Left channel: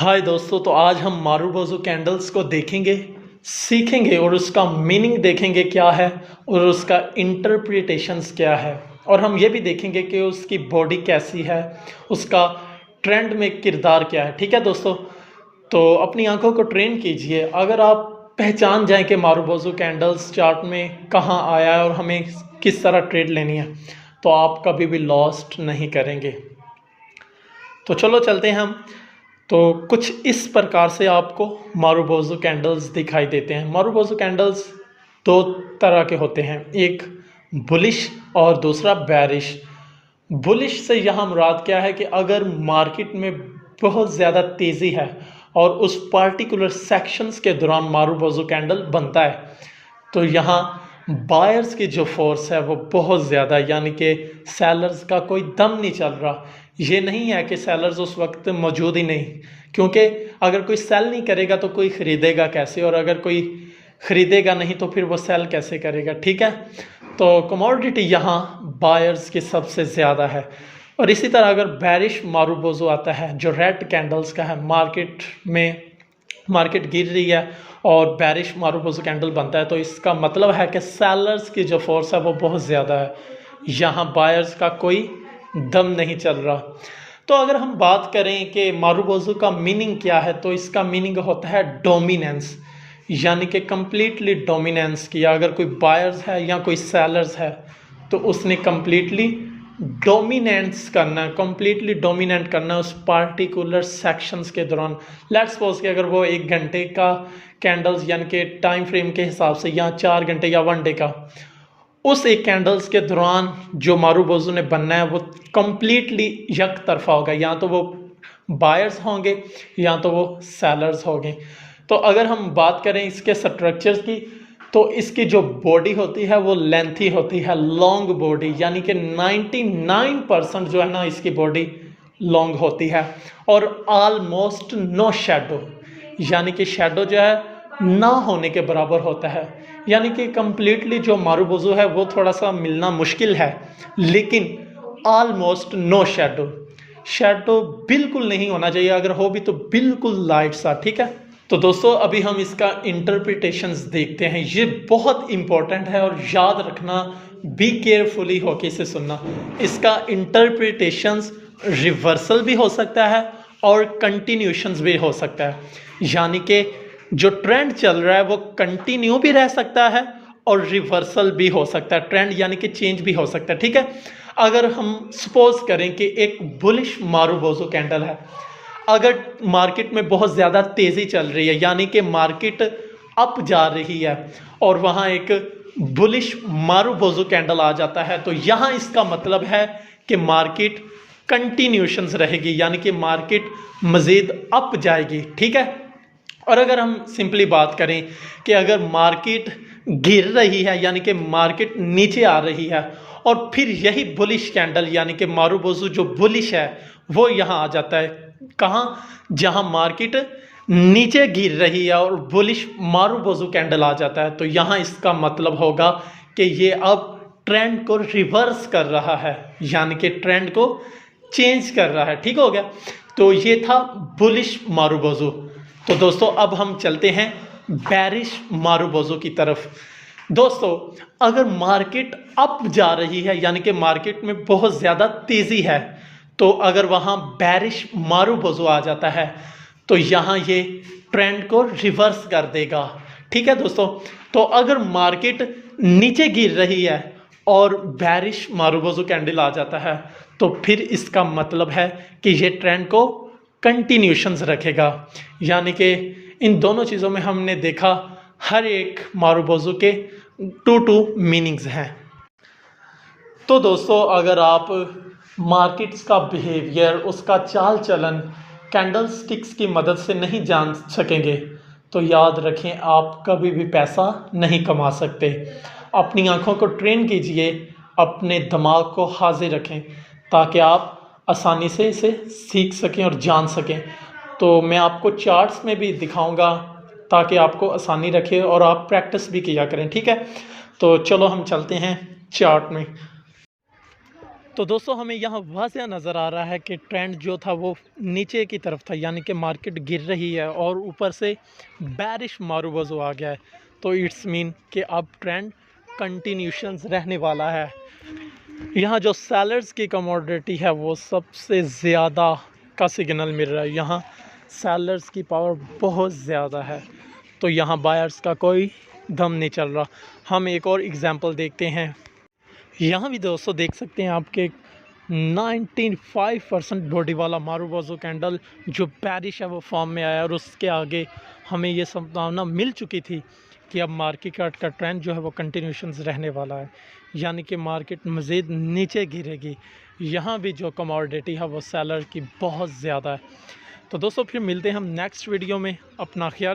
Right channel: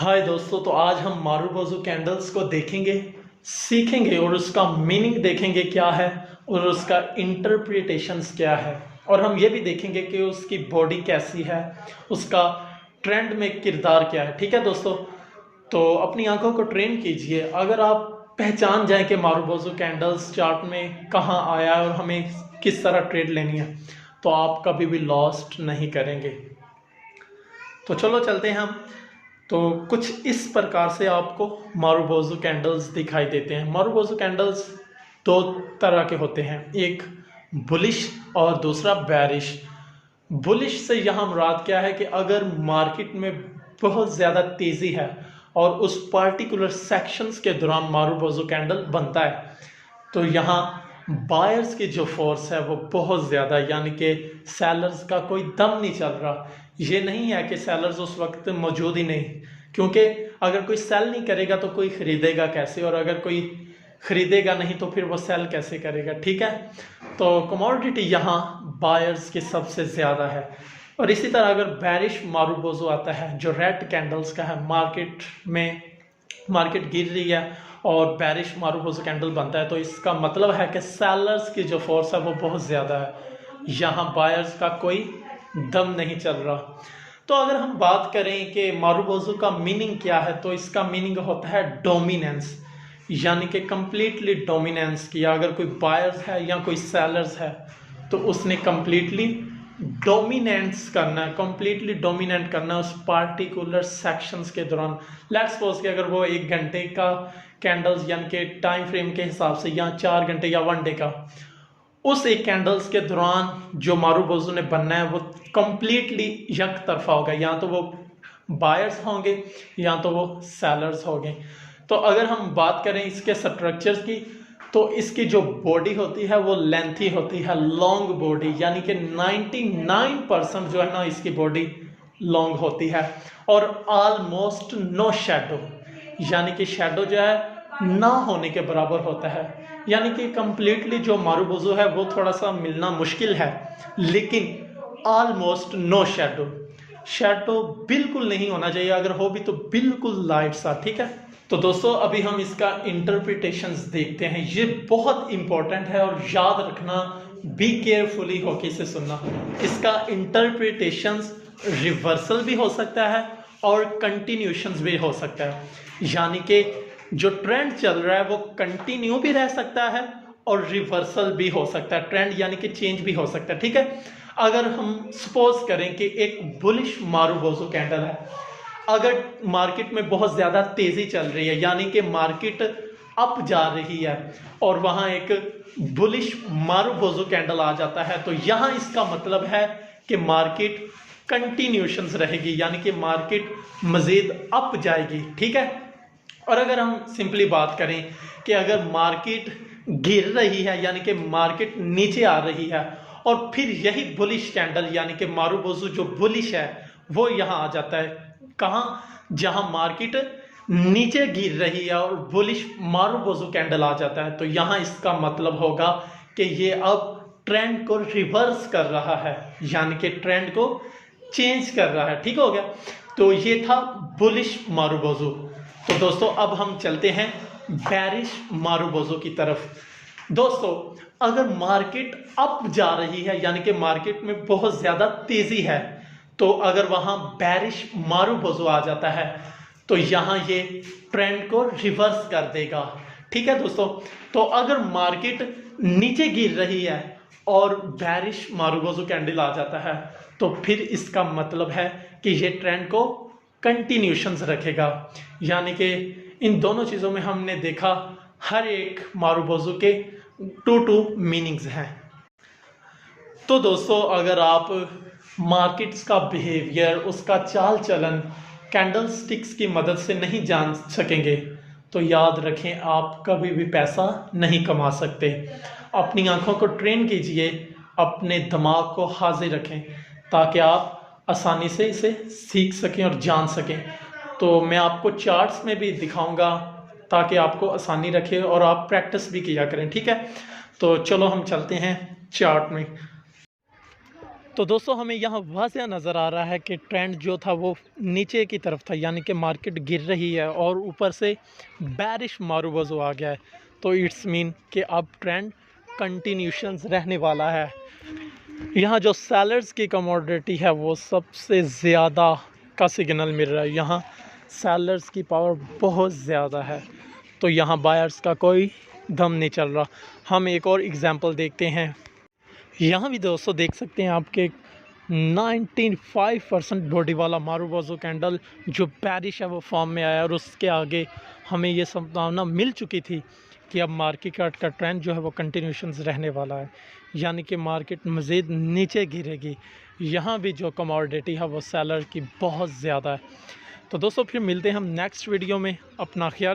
हाय दोस्तों, तो आज हम मारूबोजू कैंडल्स को देखेंगे, सीखेंगे और उसका मीनिंग देखेंगे क्या है और उसका इंटरप्रिटेशंस क्या है। और हम ये भी देखेंगे कि उसकी बॉडी कैसी है, उसका ट्रेंड में किरदार क्या है। ठीक है दोस्तों, तो अपनी आंखों को ट्रेन कीजिए। अगर आप पहचान जाएं कि मारूबोजू कैंडल्स चार्ट में कहाँ आया है और हमें किस तरह ट्रेड लेनी है, तो आप कभी भी लॉस्ट नहीं करेंगे। तो चलो चलते हैं हम। तो कुछ इस प्रकार से आपको मारूबोजू कैंडल्स दिखाई देते हैं। मारूबोजू कैंडल्स दो तरह के होते हैं, एक बुलिश और दूसरा बैरिश। बुलिश से यहाँ मुराद क्या है कि अगर मार्केट में बहुत ज़्यादा तेज़ी है और उस पार्टिकुलर सेक्शंस के दौरान मारूबोजू कैंडल बनता है, तो यहाँ बायर्स की जो फोर्स है वो बहुत ज़्यादा, यानी कि सेलर्स का कोई दम नहीं चल रहा। ये नहीं है कि सेलर्स उस वक्त मौजूद ही नहीं, क्योंकि अगर कोई सेल नहीं करेगा तो कोई ख़रीदेगा कैसे, और अगर कोई ख़रीदेगा नहीं तो फिर वो सेल कैसे करेगा। ठीक है, तो कमोडिटी यहाँ बायर्स की सबसे ज़्यादा है। और इसी तरह अगर बैरिश मारूबोजू आता है जो रेड कैंडल्स का है, मार्केट गिर रही है और बैरिश मारूबोजू कैंडल बनता है, तो इसका मतलब है कि सेलर्स की जो फोर्स है वो बहुत ज़्यादा है, यहाँ बायर्स का कोई दम नहीं चल रहा। तो अगर हम बात करें कि मारूबोजू का मीनिंग क्या है, तो इसका मीनिंग होता है डोमिनेंस, यानी कि कंप्लीटली डोमिनेंस किया। अगर कोई बायर्स है या कोई सेलर्स है तो उसने कंप्लीटली डोमिनेंस करना है, कंप्लीटली डोमिनेट करना है उस पार्टिकुलर सेक्शंस के दौरान। लेट्स सपोज कि अगर वो 1 घंटे का कैंडल्स यानी कि टाइम फ्रेम के हिसाब से, या 4 घंटे या 1 डे का, उस एक कैंडल्स के दौरान जो मारूबोजू ने बनना है वो कंप्लीटली एक तरफा होगा, या तो वो बायर्स होंगे या तो वो सेलर्स होंगे। तो अगर हम बात करें इसके स्ट्रक्चर्स की, तो इसकी जो बॉडी होती है वो लेंथी होती है, लॉन्ग बॉडी, यानी कि 99% जो है ना इसकी बॉडी लॉन्ग होती है। और ऑलमोस्ट नो शेडो, यानी कि शेडो जो है ना होने के बराबर होता है। यानी कि कंप्लीटली जो मारूबोजू है वो थोड़ा सा मिलना मुश्किल है, लेकिन ऑलमोस्ट नो शेडो, शेडो बिल्कुल नहीं होना चाहिए, अगर हो भी तो बिल्कुल लाइट सा। ठीक है, तो दोस्तों अभी हम इसका इंटरप्रिटेशंस देखते हैं। ये बहुत इंपॉर्टेंट है और याद रखना, बी केयरफुली होके इसे सुनना। इसका इंटरप्रिटेशंस रिवर्सल भी हो सकता है और कंटिन्यूशंस भी हो सकता है, यानी कि जो ट्रेंड चल रहा है वो कंटिन्यू भी रह सकता है और रिवर्सल भी हो सकता है, ट्रेंड यानी कि चेंज भी हो सकता है। ठीक है, अगर हम सपोज करें कि एक बुलिश मारूबोजू कैंडल है, अगर मार्केट में बहुत ज़्यादा तेज़ी चल रही है, यानी कि मार्केट अप जा रही है, और वहाँ एक बुलिश मारूबोजू कैंडल आ जाता है, तो यहाँ इसका मतलब है कि मार्केट कंटिन्यूशंस रहेगी, यानी कि मार्केट मज़ीद अप जाएगी। ठीक है, और अगर हम सिंपली बात करें कि अगर मार्केट गिर रही है, यानी कि मार्केट नीचे आ रही है, और फिर यही बुलिश कैंडल यानी कि मारूबोजू जो बुलिश है वो यहाँ आ जाता है, कहाँ, जहाँ मार्केट नीचे गिर रही है और बुलिश मारूबोजू कैंडल आ जाता है, तो यहाँ इसका मतलब होगा कि ये अब ट्रेंड को रिवर्स कर रहा है, यानी कि ट्रेंड को चेंज कर रहा है। ठीक हो गया, तो ये था बुलिश मारूबोजू। तो दोस्तों अब हम चलते हैं बैरिश मारूबोजू की तरफ। दोस्तों अगर मार्केट अप जा रही है, यानी कि मार्केट में बहुत ज़्यादा तेज़ी है, तो अगर वहाँ बैरिश मारूबोजू आ जाता है तो यहाँ ये ट्रेंड को रिवर्स कर देगा। ठीक है दोस्तों, तो अगर मार्केट नीचे गिर रही है और बैरिश मारूबोजू कैंडल आ जाता है, तो फिर इसका मतलब है कि ये ट्रेंड को कंटिन्यूशंस रखेगा। यानी कि इन दोनों चीज़ों में हमने देखा हर एक मारूबोजू के टू मीनिंग्स हैं। तो दोस्तों अगर आप मार्केट्स का बिहेवियर, उसका चाल चलन कैंडल स्टिक्स की मदद से नहीं जान सकेंगे, तो याद रखें आप कभी भी पैसा नहीं कमा सकते। अपनी आंखों को ट्रेन कीजिए, अपने दिमाग को हाजिर रखें, ताकि आप आसानी से इसे सीख सकें और जान सकें। तो मैं आपको चार्ट्स में भी दिखाऊंगा ताकि आपको आसानी रखे और आप प्रैक्टिस भी किया करें। ठीक है, तो चलो हम चलते हैं चार्ट में। तो दोस्तों हमें यहाँ वाज़ह नज़र आ रहा है कि ट्रेंड जो था वो नीचे की तरफ था, यानी कि मार्केट गिर रही है और ऊपर से बेरिश मारूवज़ो आ गया है। तो इट्स मीन कि अब ट्रेंड कंटिन्यूशंस रहने वाला है। यहाँ जो सेलर्स की कमोडिटी है वो सबसे ज़्यादा का सिग्नल मिल रहा है। यहाँ सेलर्स की पावर बहुत ज़्यादा है, तो यहाँ बायर्स का कोई दम नहीं चल रहा। हम एक और एग्जांपल देखते हैं। यहाँ भी दोस्तों देख सकते हैं आपके 95% बॉडी वाला मारूवज़ो कैंडल जो बेरिश है वो फॉर्म में आया, और उसके आगे हमें ये संभावना मिल चुकी थी कि अब मार्केट का ट्रेंड जो है वो कंटिन्यूशंस रहने वाला है, यानी कि मार्केट मज़ीद नीचे गिरेगी। यहाँ भी जो कमोडिटी है वो सेलर की बहुत ज़्यादा है। तो दोस्तों फिर मिलते हैं हम नेक्स्ट वीडियो में। अपना ख्याल